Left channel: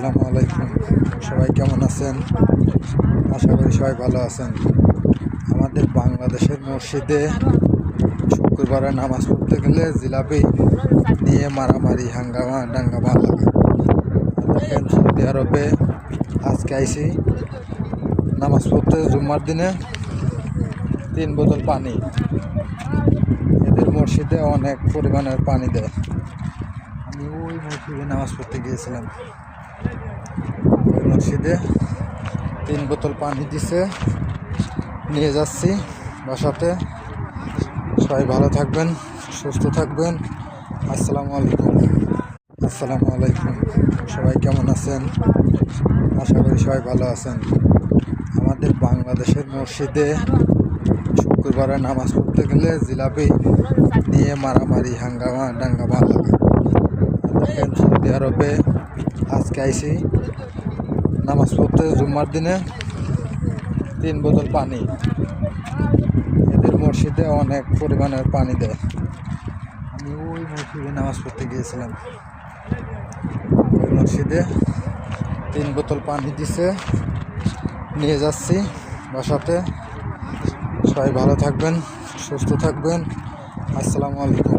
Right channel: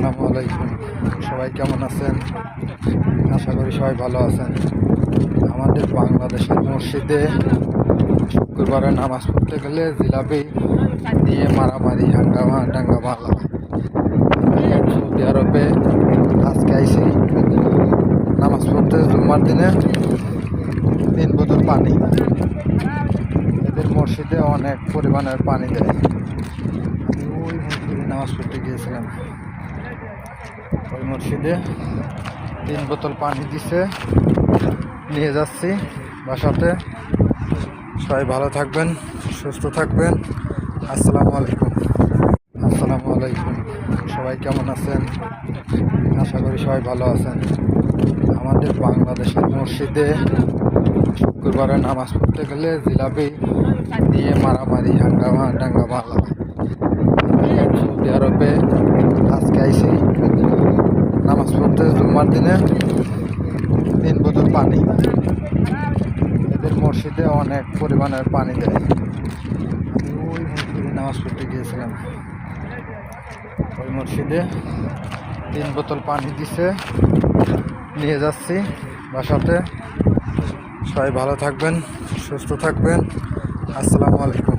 আসসালামু আলাইকুম। সবাই কেমন আছেন? আশা করি সবাই ভালো আছেন। আমাদের বাংলাদেশের মসজিদে শুক্রবারে নামাজ পড়তে গেলে জিলাপি নিয়ে মারামারি হাঙ্গামা ডাঙ্গামা লাগে। দেখেন সৌদি আরবে আজকে আইসি নামাজ পড়তে জুম্মার দিনে 3 বোতল পানি। এদের মসজিদে অনেক পরিমাণের পানি দেয়। আমি ওই মসজিদে নামাজ পড়তে গিয়েছিলাম, ওই মসজিদে 3 বোতল পানি দিছে, নিয়ে যাচ্ছি বাসাতে। সবাই ভালো থাকবেন, সুস্থ থাকবেন। আসসালামু আলাইকুম। সবাই কেমন আছেন? আশা করি সবাই ভালো আছেন। আমাদের বাংলাদেশের মসজিদে শুক্রবারে নামাজ পড়তে গেলে জিলাপি নিয়ে মারামারি হাঙ্গামা ডাঙ্গামা লাগে। দেখেন সৌদি আরবে আজকে আইসি নামাজ পড়তে জুম্মার দিনে 3 বোতল পানি। এদের মসজিদে অনেক পরিমাণের পানি দেয়। আমি ওই মসজিদে নামাজ পড়তে গিয়েছিলাম, ওই মসজিদে 3 বোতল পানি দিছে, নিয়ে যাচ্ছি বাসাতে। সবাই ভালো থাকবেন, সুস্থ থাকবেন। আসসালামু আলাইকুম।